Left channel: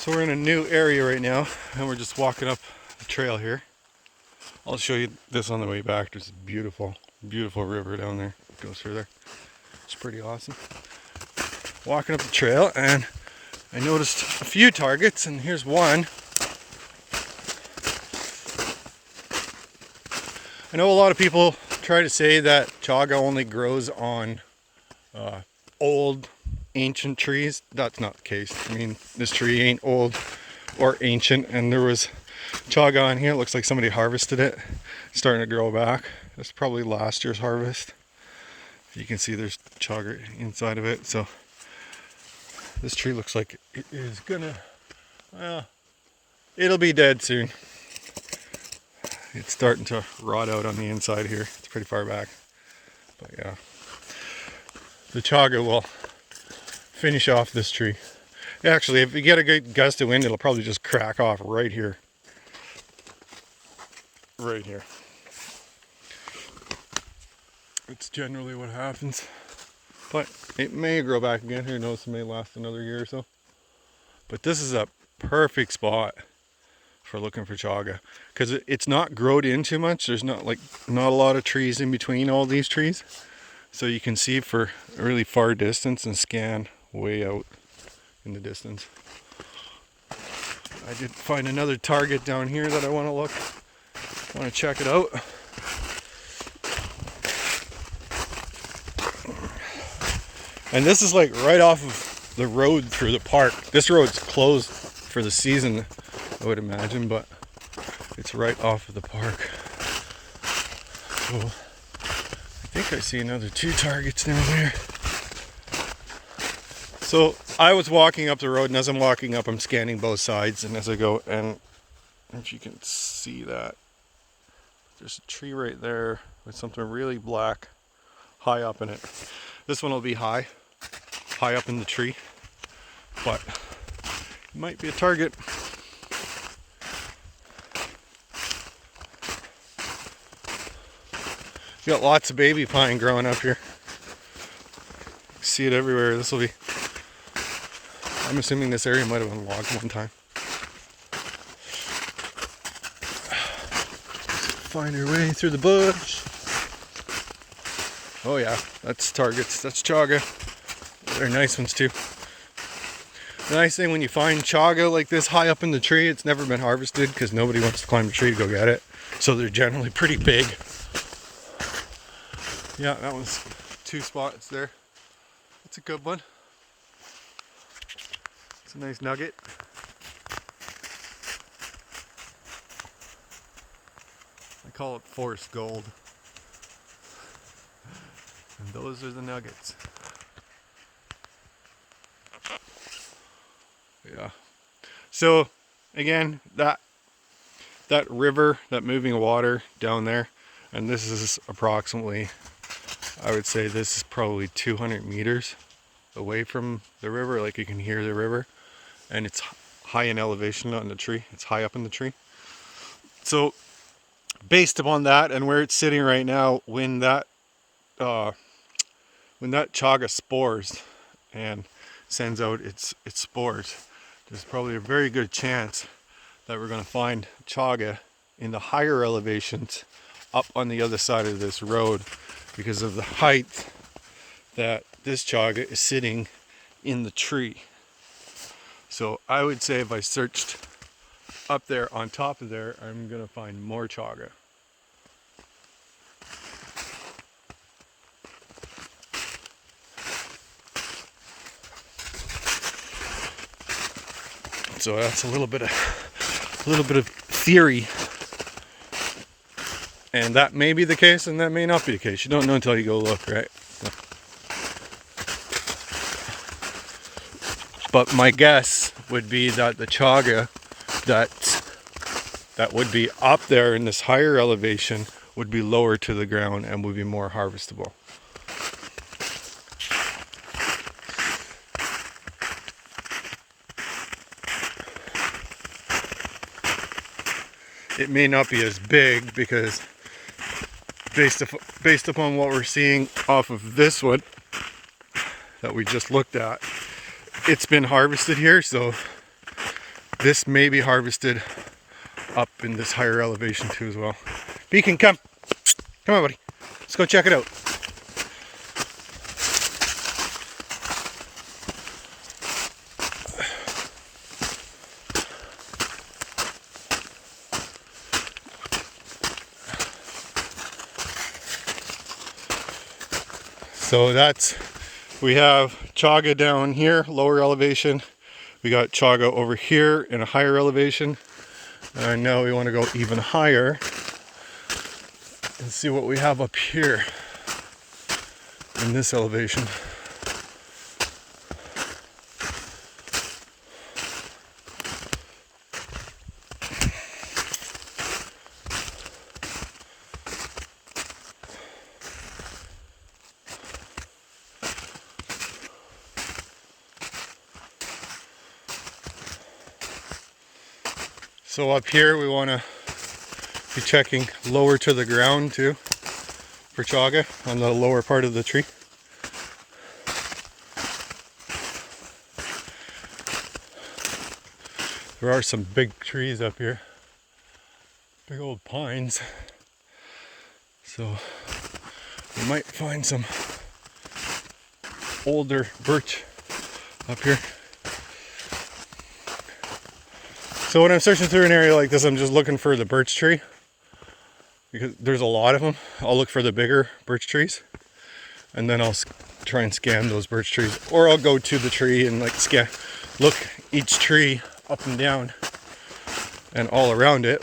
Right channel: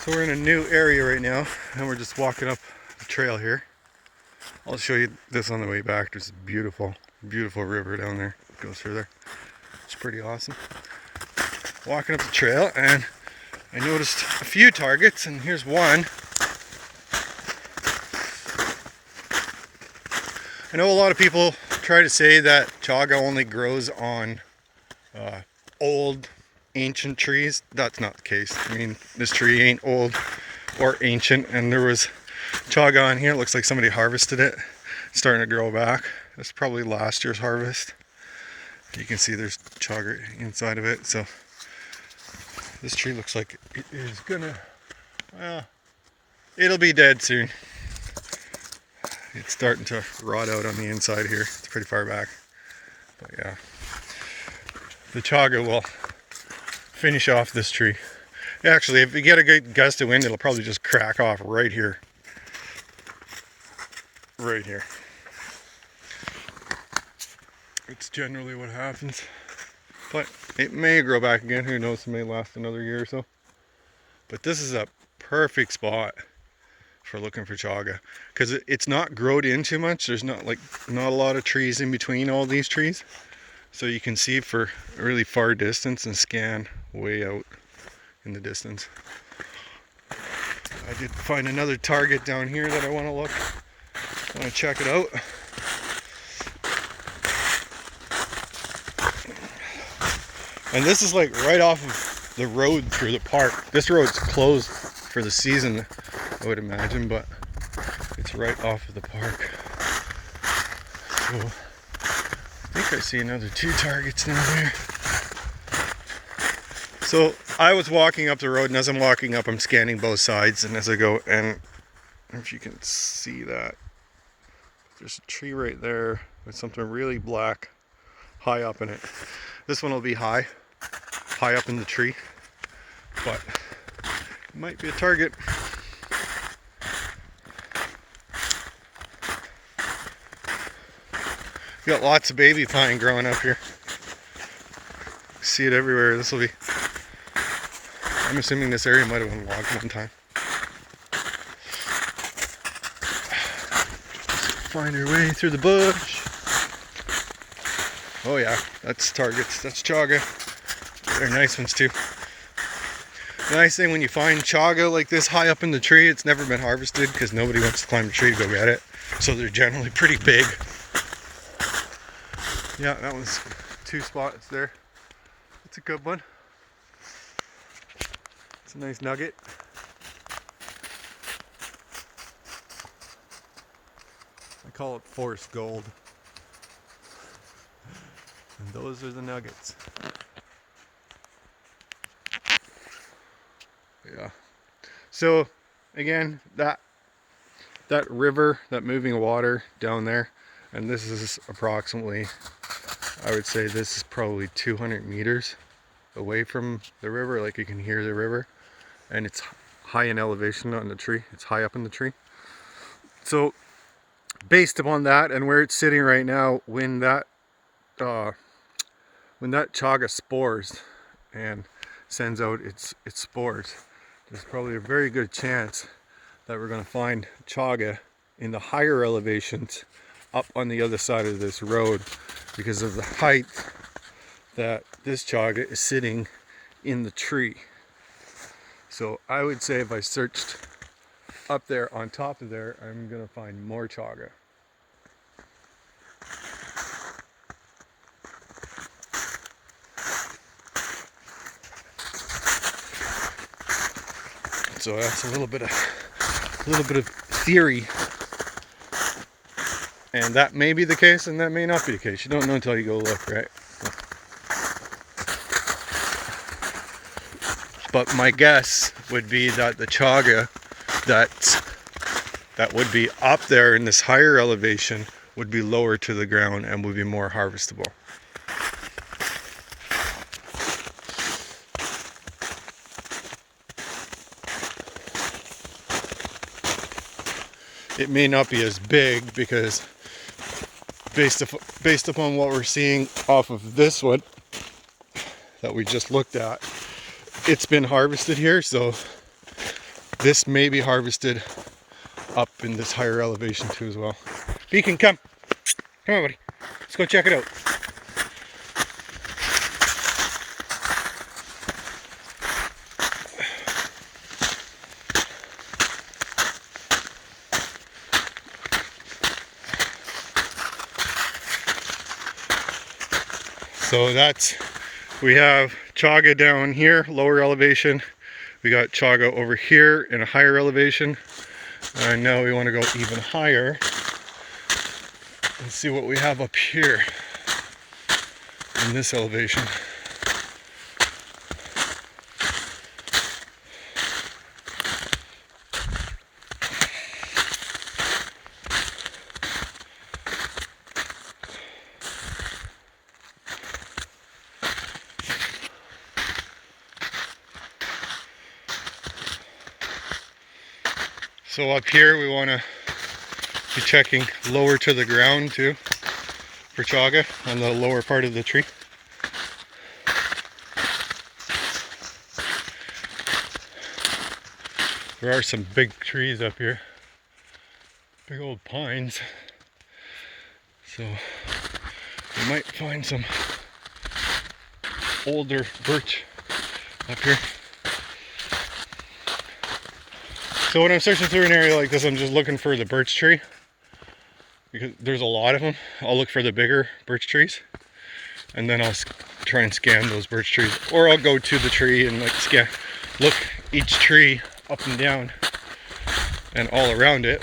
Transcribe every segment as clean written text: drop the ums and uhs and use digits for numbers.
So we're in a new area right now, and we're just walking up a trail here. I'll show you this on the way back. There's a beautiful, beautiful river down there. It goes through there. It's pretty awesome. Walking up the trail, and I noticed a few targets, and here's one. I know a lot of people try to say that chaga only grows on old, ancient trees. That's not the case. I mean, this tree ain't old or ancient, and there was chaga on here. It looks like somebody harvested it. It's starting to grow back. That's probably last year's harvest. You can see there's chaga inside of it. So this tree looks like it is gonna, well, it'll be dead soon. It's starting to rot out on the inside here. It's pretty far back. But yeah, the chaga will finish off this tree. Actually, if you get a good gust of wind, it'll probably just crack off right here. Right here. It's generally what happens. But it may grow back again. Who knows? It may last another year or so. But this is a perfect spot for looking for chaga, because it's not growed in too much. There's not a lot of trees in between all these trees, so you can see for a really far distance and scan way out in the distance. I did find another target down here that I want to check it out. And this is like right off of the road through the park. This road's closed for the season, I would imagine, but it's right off of the park. So I think I see another 2 targets down there. So I was walking up the road, and as I'm walking up, I'm scanning both sides, and as I go, and I don't know if you can see that, there's a tree right there with something really black high up in it. This one will be high up in the tree, but it might be a target. You got lots of baby pine growing up here. See it everywhere. This will be, I'm assuming this area might have been logged one time. Find our way through the bush. Oh yeah, that's targets. That's chaga. They're nice ones too. The nice thing when you find chaga like this high up in the tree, it's never been harvested because nobody wants to climb the tree to go get it. So they're generally pretty big. Yeah, that one's 2 spots there. That's a good one. It's a nice nugget. I call it forest gold. And those are the nuggets. Yeah. So again, that river, that moving water down there, and this is approximately, I would say this is probably 200 meters away from the river. Like you can hear the river, and it's high in elevation on the tree. It's high up in the tree. So based upon that and where it's sitting right now, when that chaga spores and sends out its spores, there's probably a very good chance that we're going to find chaga in the higher elevations up on the other side of this road, because of the height that this chaga is sitting in the tree. So I would say if I searched up there on top of there, I'm going to find more chaga. So that's a little bit of theory, and that may be the case, and that may not be the case. You don't know until you go look, right? But my guess would be that the chaga that would be up there in this higher elevation would be lower to the ground and would be more harvestable. It may not be as big because based upon what we're seeing off of this one that we just looked at, it's been harvested here, so This may be harvested up in this higher elevation too as well. Beacon, come. Come on, buddy. Let's go check it out. So we have chaga down here, lower elevation. We got chaga over here in a higher elevation. And now we want to go even higher and see what we have up here in this elevation. So up here we want to be checking lower to the ground too for chaga on the lower part of the tree. There are some big trees up here, big old pines, so we might find some older birch up here. So when I'm searching through an area like this, I'm just looking for the birch tree, because there's a lot of them. I'll look for the bigger birch trees, and then I'll try and scan those birch trees, or I'll go to the tree and like look each tree up and down and all around it,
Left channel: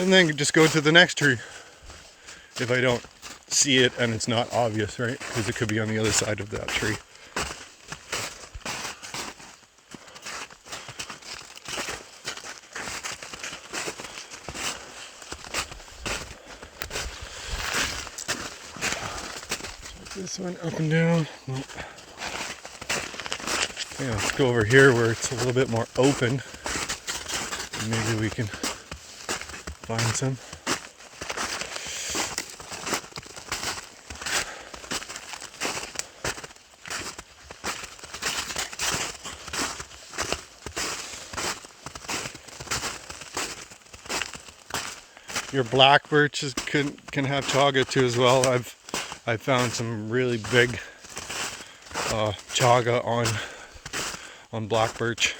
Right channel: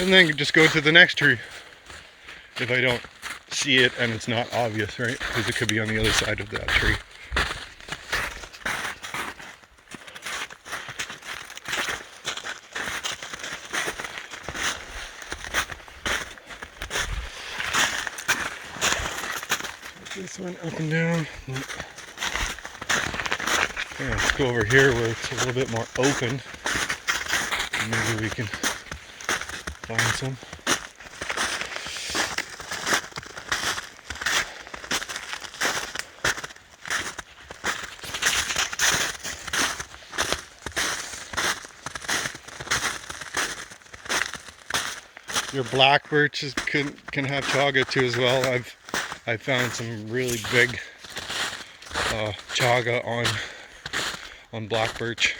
and then just go to the next tree if I don't see it and it's not obvious, right? Because it could be on the other side of that tree. This one up and down. Yeah, let's go over here where it's a little bit more open. Maybe we can find some. Your black birches can have chaga too as well. I found some really big chaga on black birch.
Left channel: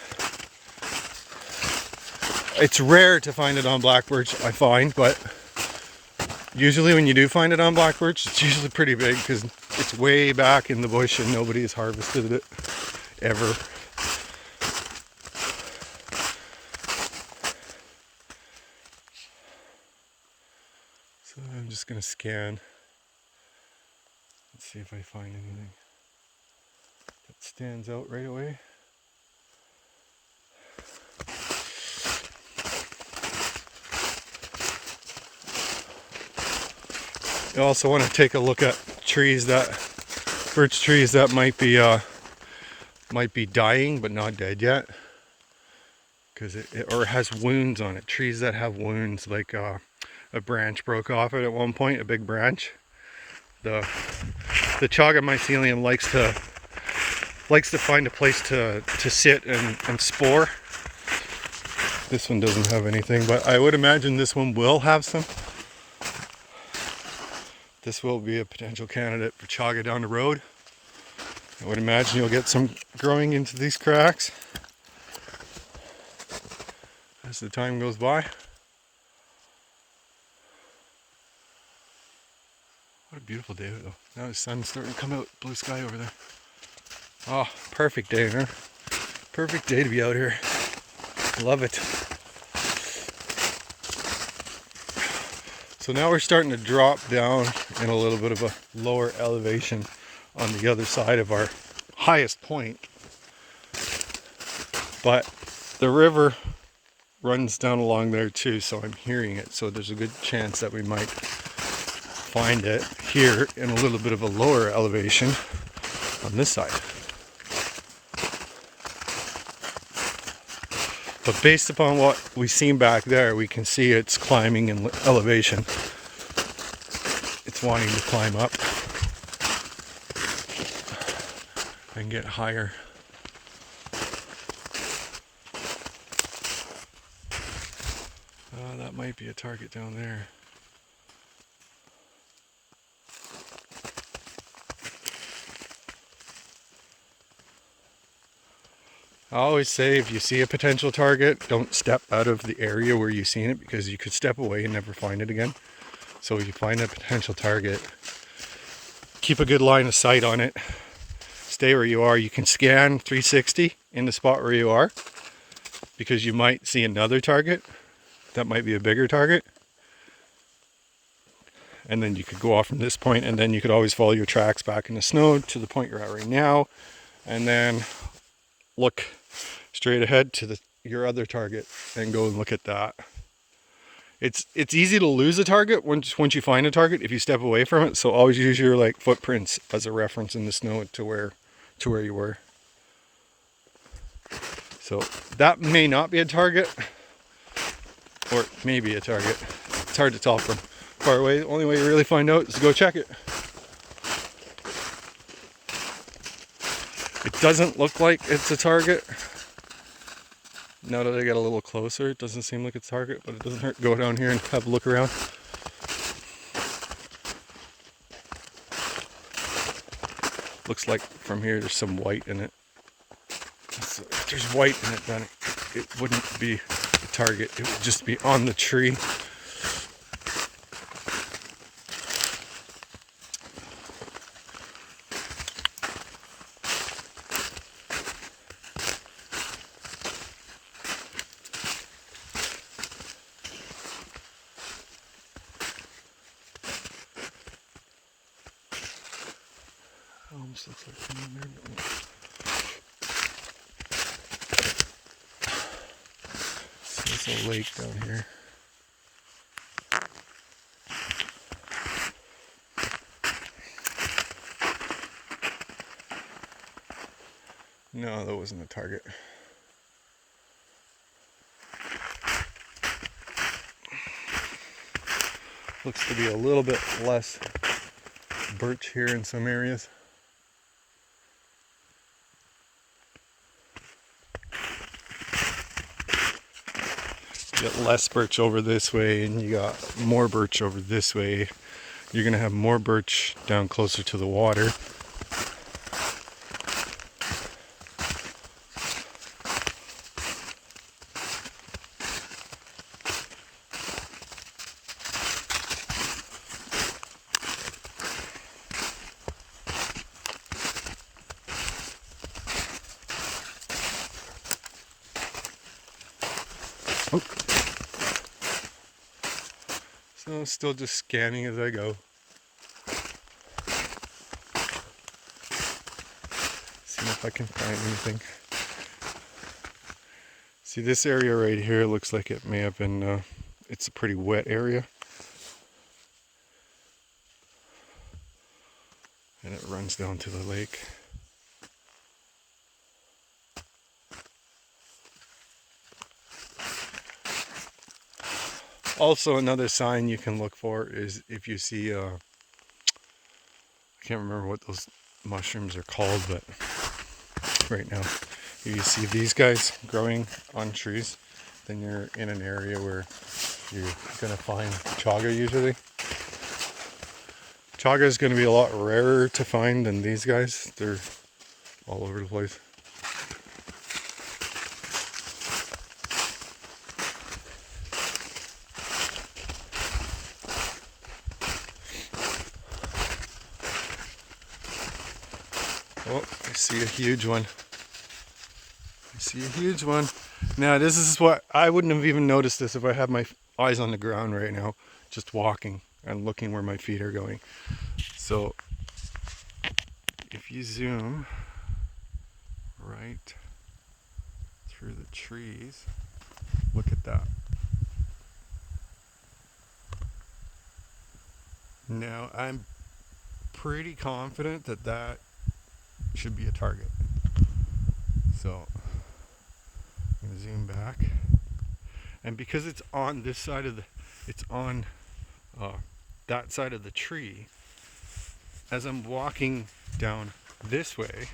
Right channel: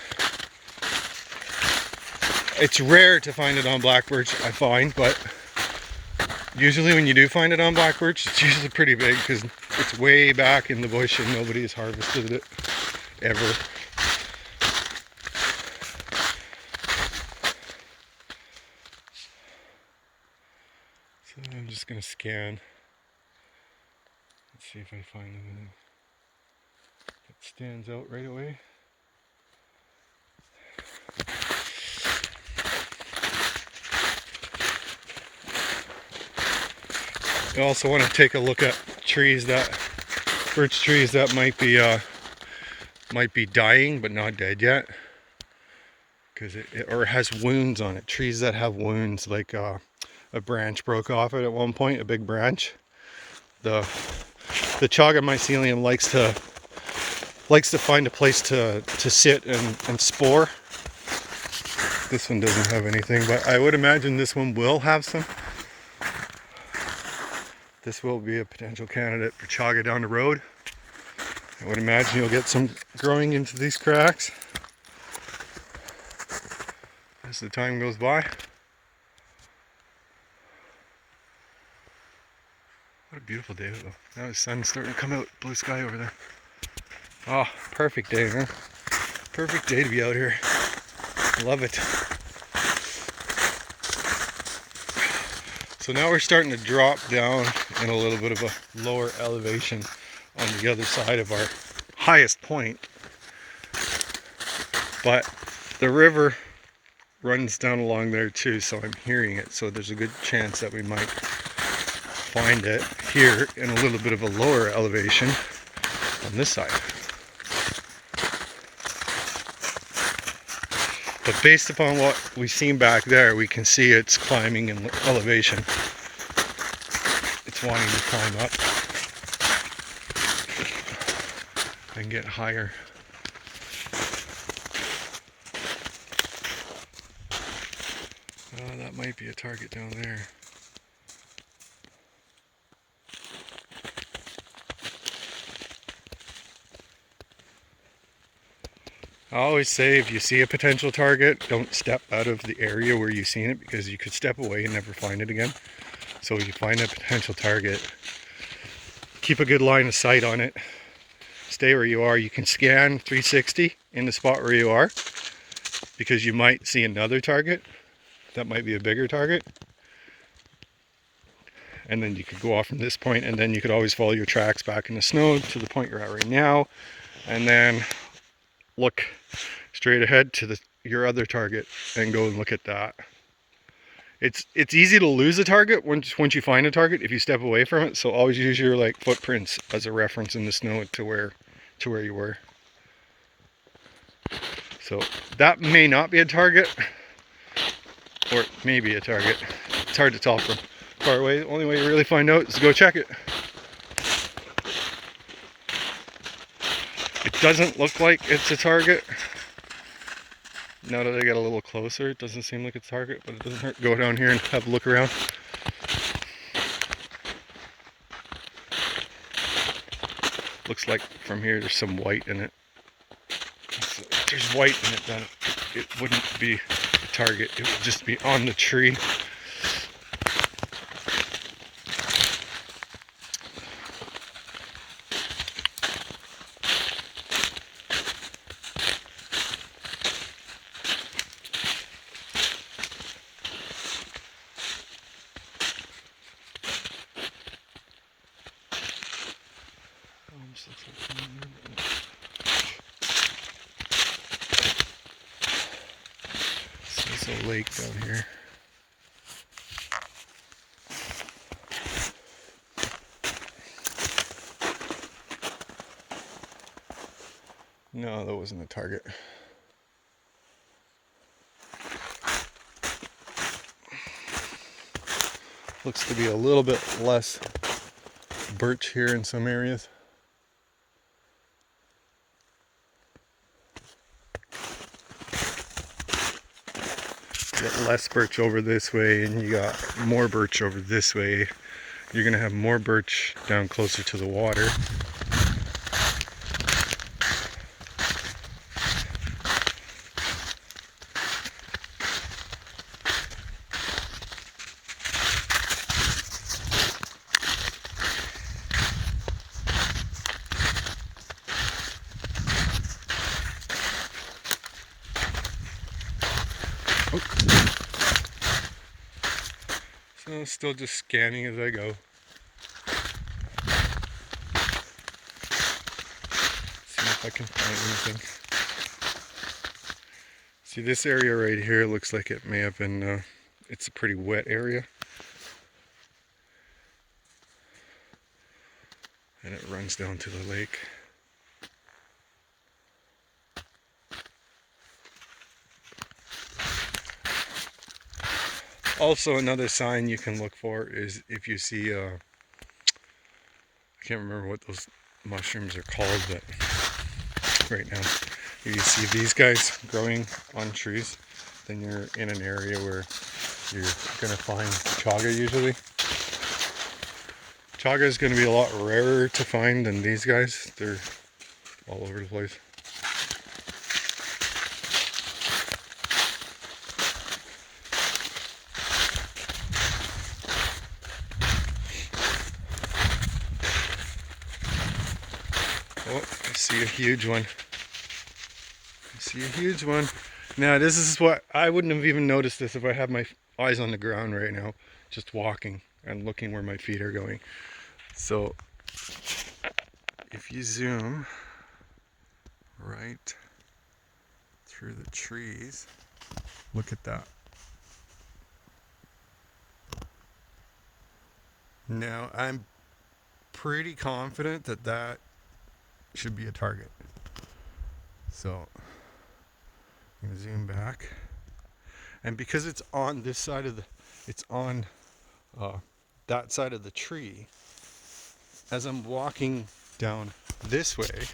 It's rare to find it on black birch, I find, but usually when you do find it on black birch, it's usually pretty big because it's way back in the bush and nobody has harvested it ever. So I'm just going to scan. Let's see if I find anything that stands out right away. You also want to take a look at birch trees that might be dying but not dead yet, because or has wounds on it. Trees that have wounds, like a branch broke off it at one point, a big branch. The chaga mycelium likes to find a place to sit and spore. This one doesn't have anything, but I would imagine this one will have some. This will be a potential candidate for chaga down the road. I would imagine you'll get some growing into these cracks as the time goes by. What a beautiful day though. Now the sun's starting to come out, blue sky over there. Oh, perfect day, man. Perfect day to be out here. Love it. So now we're starting to drop down in a little bit of a lower elevation on the other side of our highest point. But the river runs down along there too, so I'm hearing it. So there's a good chance that we might find it here in a little bit of a lower elevation on this side. But based upon what we've seen back there, we can see it's climbing in elevation. It's wanting to climb up and get higher. That might be a target down there. I always say if you see a potential target, don't step out of the area where you've seen it, because you could step away and never find it again. So if you find a potential target, keep a good line of sight on it. Stay where you are. You can scan 360 in the spot where you are, because you might see another target that might be a bigger target. And then you could go off from this point, and then you could always follow your tracks back in the snow to the point you're at right now, and then look straight ahead to your other target and go and look at that. It's easy to lose a target once you find a target if you step away from it. So always use your like footprints as a reference in the snow to where you were. So that may not be a target, or it may be a target. It's hard to tell from far away. The only way to really find out is to go check it. It doesn't look like it's a target. Now that I get a little closer, it doesn't seem like it's a target, but it doesn't hurt. Go down here and have a look around. Looks like from here there's some white in it. If there's white in it, then it wouldn't be a target. It would just be on the tree. There's a lake down here. No, that wasn't a target. Looks to be a little bit less birch here in some areas. You got less birch over this way, and you got more birch over this way. You're gonna have more birch down closer to the water. So still just scanning as I go. See if I can find anything. See, this area right here looks like it may have been, it's a pretty wet area. And it runs down to the lake. Also, another sign you can look for is if you see, I can't remember what those mushrooms are called, but right now, if you see these guys growing on trees, then you're in an area where you're going to find chaga usually. Chaga is going to be a lot rarer to find than these guys. They're all over the place. Oh, I see a huge one. I see a huge one. Now this is what, I wouldn't have even noticed this if I had my eyes on the ground right now, just walking and looking where my feet are going. So if you zoom right through the trees, look at that. Now I'm pretty confident that that should be a target. So I'm gonna zoom back, and because it's on this side of the, it's on that side of the tree, as I'm walking down this way,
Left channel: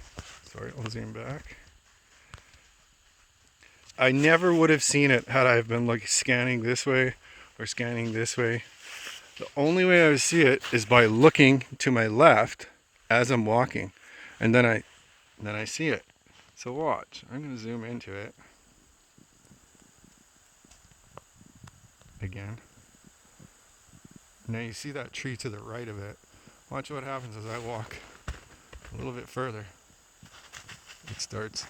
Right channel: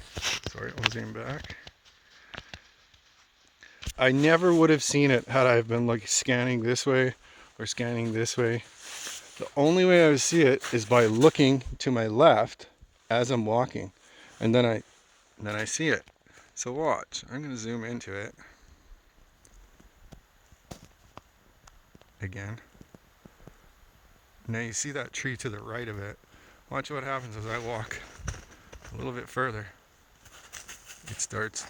sorry, I'll zoom back, I never would have seen it had I been like scanning this way or scanning this way, the only way I would see it is by looking to my left as I'm walking, and then I see it. So watch, I'm going to zoom into it again. Now you see that tree to the right of it. Watch what happens as I walk a little bit further. It starts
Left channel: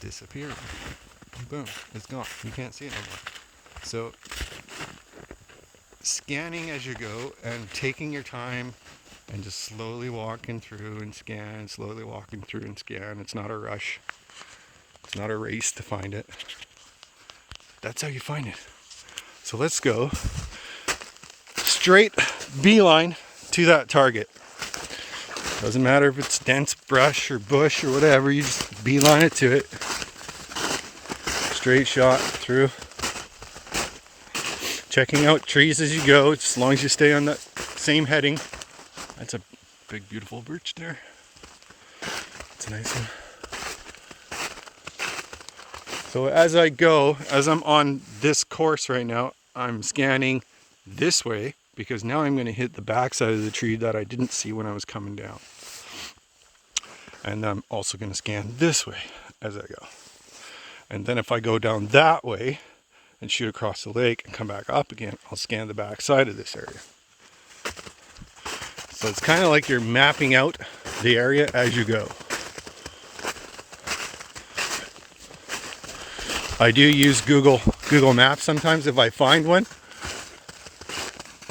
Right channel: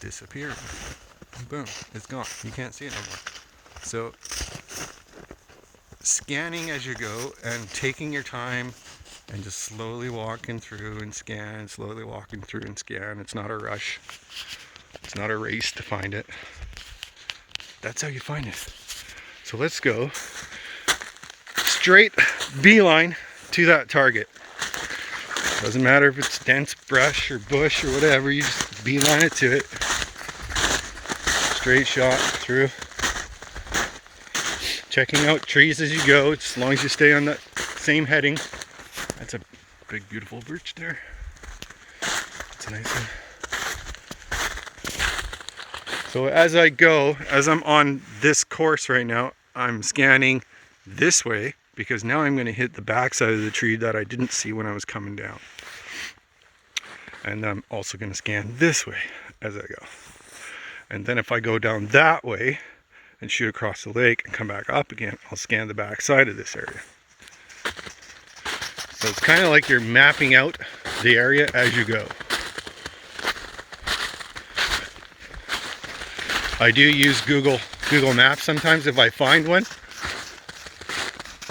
disappearing. Boom, it's gone. You can't see it no more. So scanning as you go and taking your time and just slowly walking through and scan, slowly walking through and scan. It's not a rush. It's not a race to find it. That's how you find it. So let's go straight beeline to that target. Doesn't matter if it's dense brush or bush or whatever, you just beeline it to it. Straight shot through. Checking out trees as you go, as long as you stay on that same heading. That's a big beautiful birch there. It's a nice one. So as I go, as I'm on this course right now, I'm scanning this way because now I'm going to hit the backside of the tree that I didn't see when I was coming down. And I'm also going to scan this way as I go. And then if I go down that way and shoot across the lake and come back up again, I'll scan the backside of this area. So it's kind of like you're mapping out the area as you go. I do use Google Maps sometimes if I find one.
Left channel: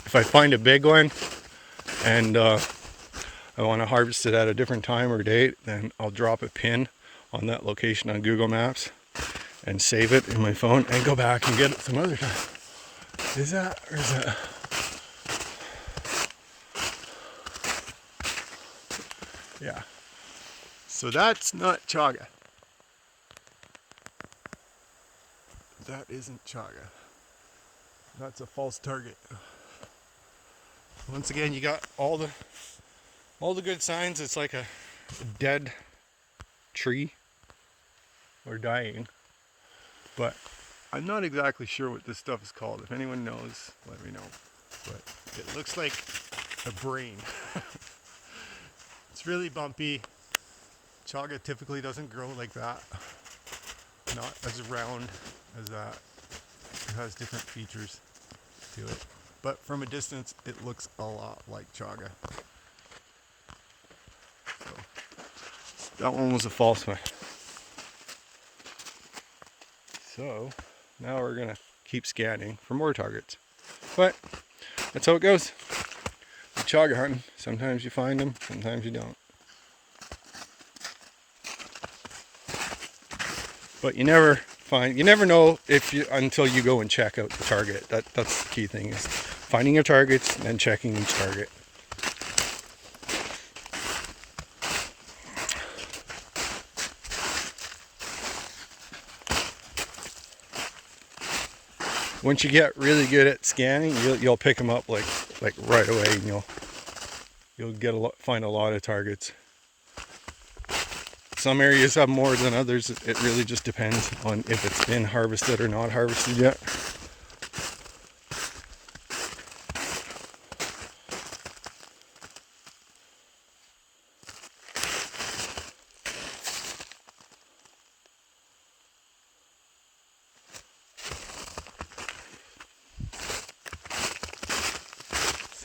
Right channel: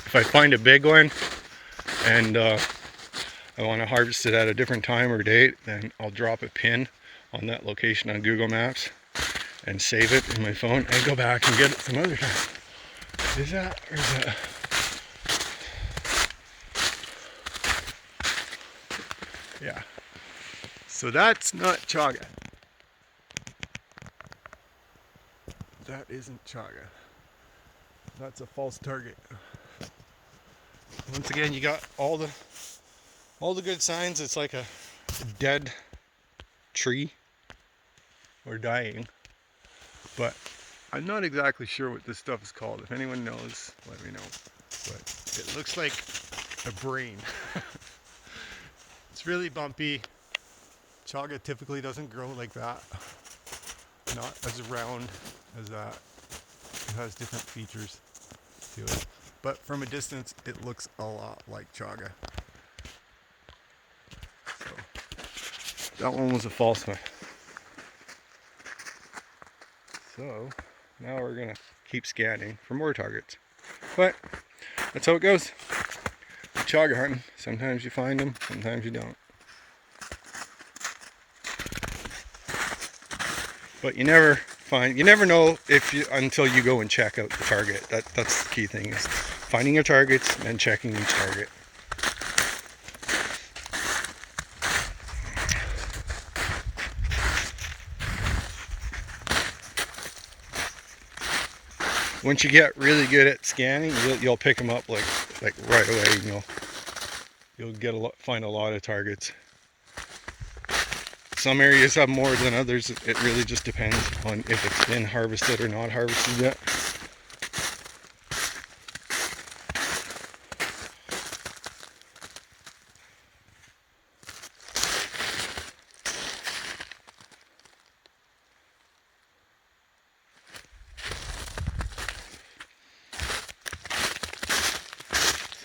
If I find a big one and I want to harvest it at a different time or date, then I'll drop a pin on that location on Google Maps and save it in my phone and go back and get it some other time. Is that or is that? Yeah. So that's not chaga. That isn't chaga. That's a false target. Once again, you got all the good signs. It's like a dead tree or dying. But I'm not exactly sure what this stuff is called. If anyone knows, let me know. But it looks like a brain. It's really bumpy. Chaga typically doesn't grow like that. Not as round as that. It has different features to it. But from a distance, it looks a lot like chaga. So that one was a false one. So now we're gonna keep scanning for more targets. But that's how it goes. Chaga hunting. Sometimes you find them, sometimes you don't. But you never know if you until you go and check out the target. That's the key thing, is finding your targets and checking each target. Once you get really good at scanning, you'll pick them up like right away, and you'll find a lot of targets. Some areas have more than others. It really just depends on if it's been harvested or not harvested yet.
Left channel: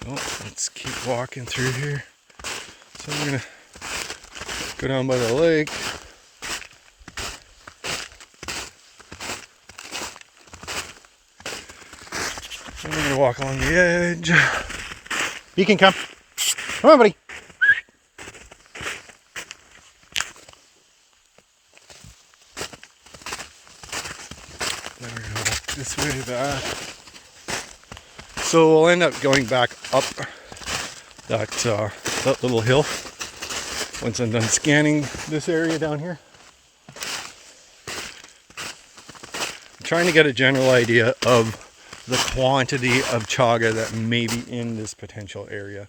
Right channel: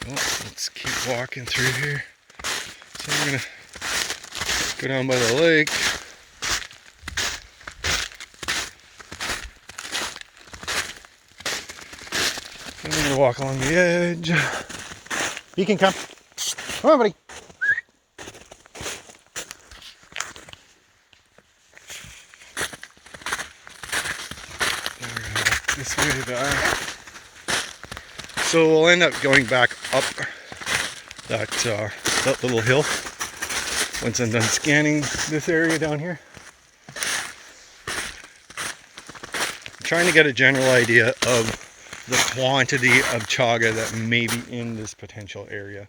So let's keep walking through here. So I'm gonna go down by the lake. I'm gonna walk along the edge. You can come. Come on, buddy. This way that. So we'll end up going back up that little hill once I'm done scanning this area down here. I'm trying to get a general idea of the quantity of chaga that may be in this potential area.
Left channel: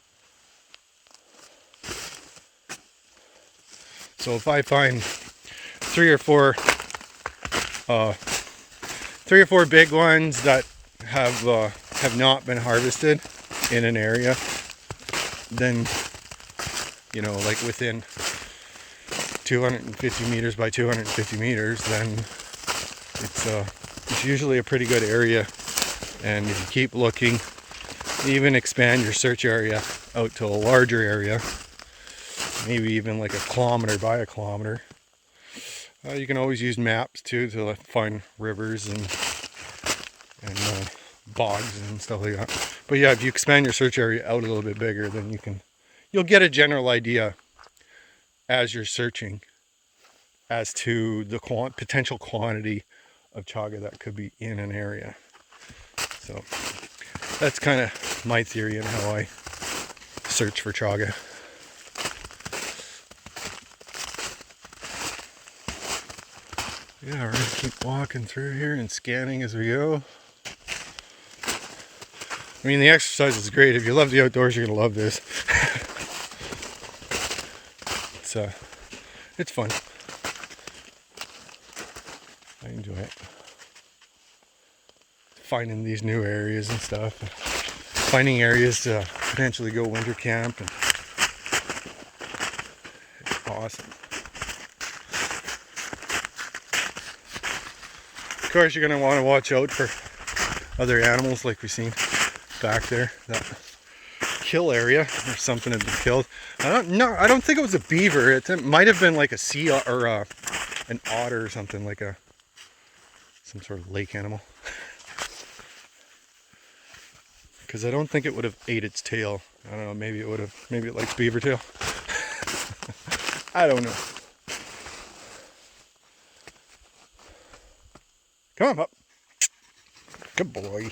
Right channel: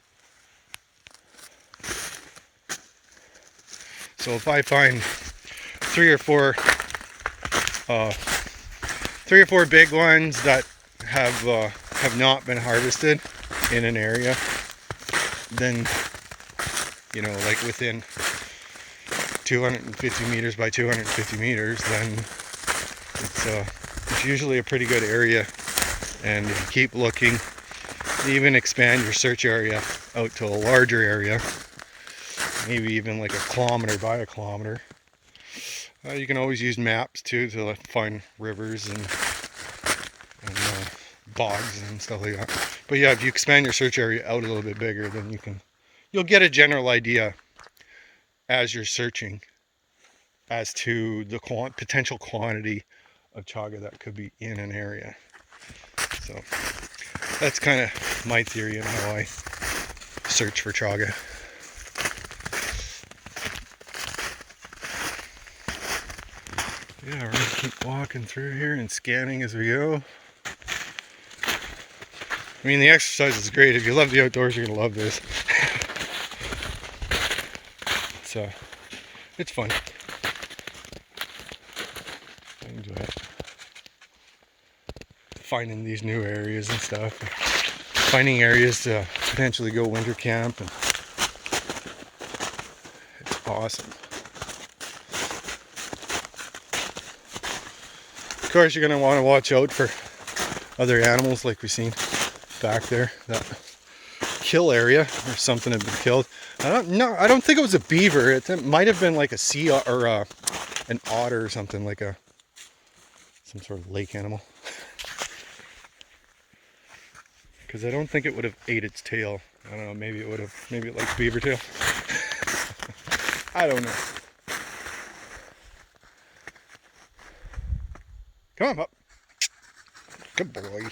So if I find three or four big ones that have have not been harvested in an area, then, you know, like within 250 meters by 250 meters, then it's usually a pretty good area. And if you keep looking, even expand your search area out to a larger area, maybe even like a kilometer by a kilometer. You can always use maps too to find rivers and bogs and stuff like that. But yeah, if you expand your search area out a little bit bigger, then you'll get a general idea as you're searching as to the potential quantity of chaga that could be in an area. So that's kind of my theory on how I search for chaga. Yeah, we're gonna keep walking through here and scanning as we go. I mean, the exercise is great. If you love the outdoors, you're gonna love this. It's fun. I enjoy it. Finding these new areas and stuff. Finding areas to potentially go winter camp, and it's awesome. Of course, you're gonna want to watch out for other animals like we've seen back there. That kill area, or something had been killed. I don't think it was a beaver. It might have been like a sea or an otter or something, like some sort of lake animal. Because I don't think it would have ate its tail. I don't know, maybe it would have. Maybe it likes beaver tail. I don't know. Come on, pup. Good boy.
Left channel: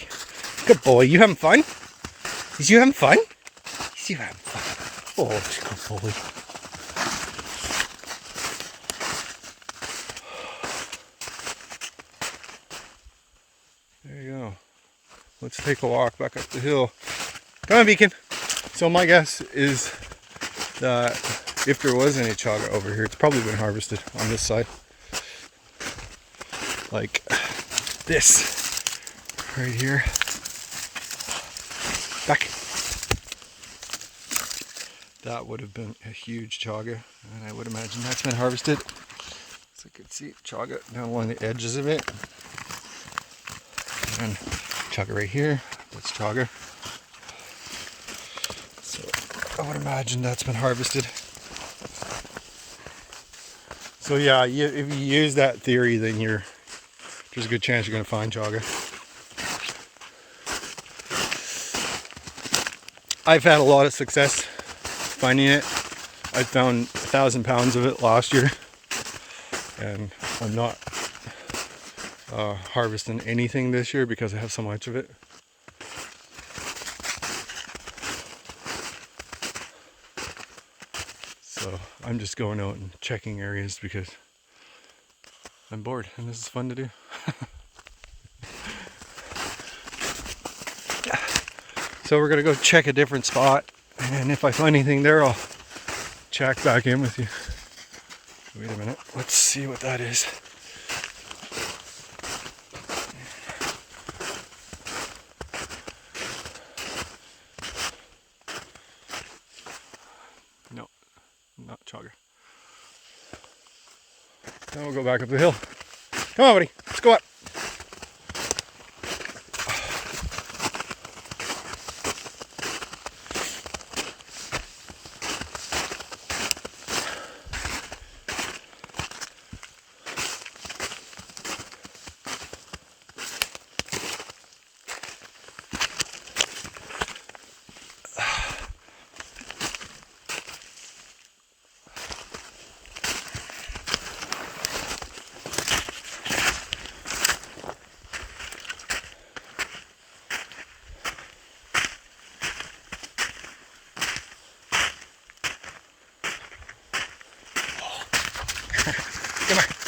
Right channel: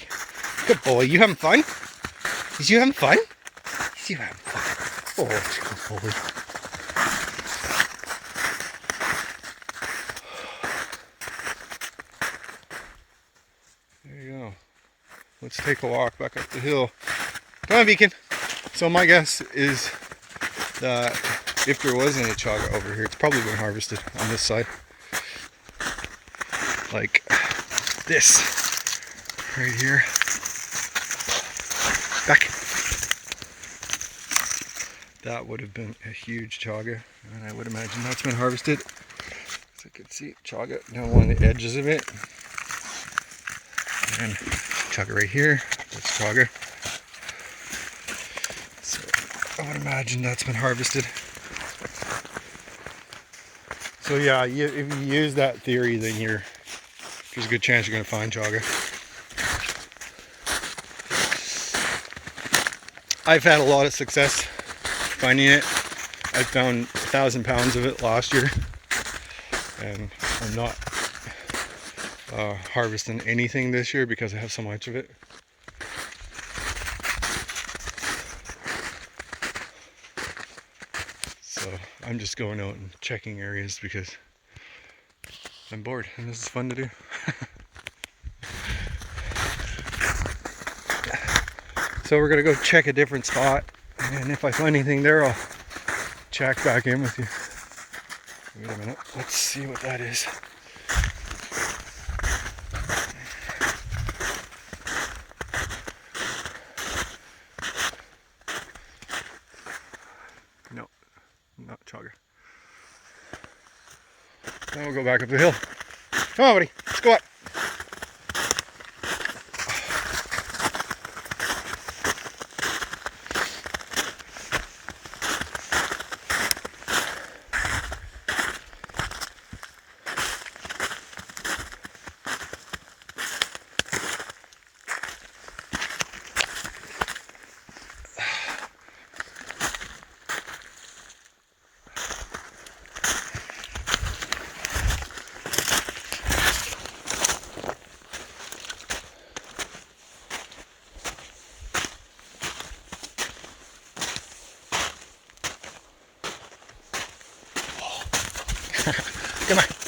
Good boy. You having fun? Is you having fun? Is you having fun? Oh, it's a good boy. There you go. Let's take a walk back up the hill. Come on, Beacon. So my guess is that if there wasn't a chaga over here, it's probably been harvested on this side. Like this. Right here. Back. That would have been a huge chaga. And I would imagine that's been harvested. So you can see chaga down along the edges of it. And chaga right here. That's chaga. So I would imagine that's been harvested. So yeah, if you use that theory, then there's a good chance you're going to find chaga. I've had a lot of success finding it. I found 1,000 pounds of it last year, and I'm not harvesting anything this year because I have so much of it. So I'm just going out and checking areas because I'm bored and this is fun to do. So we're gonna go check a different spot, and if I find anything there, I'll check back in with you. Wait a minute, let's see what that is. No, not chaga. Now we'll go back up the hill. Come on, buddy, let's go up. Come on.